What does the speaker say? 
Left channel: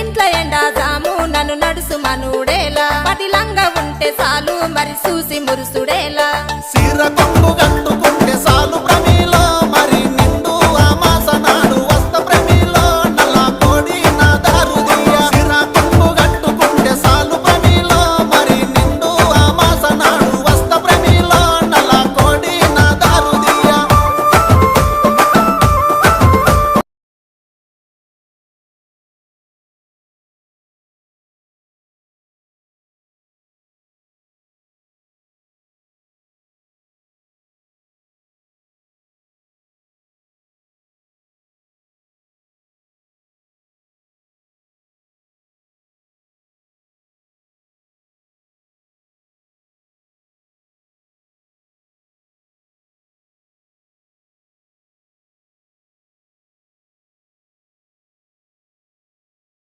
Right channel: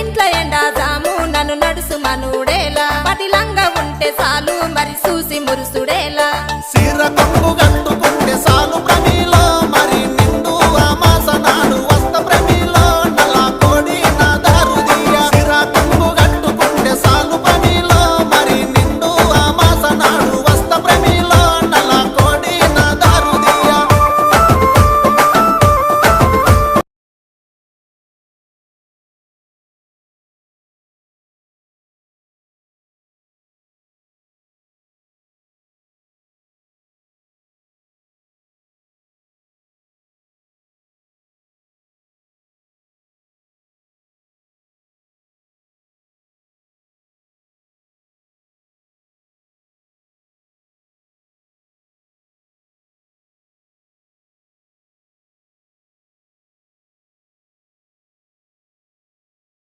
ఇంట్ల ఎండా జాము నన్ను నడుసు మనుడేలా పటిలంగా ఉంటే చాలు మరి చూసి మురుసుడేలా సీర కొంగు గట్టుకు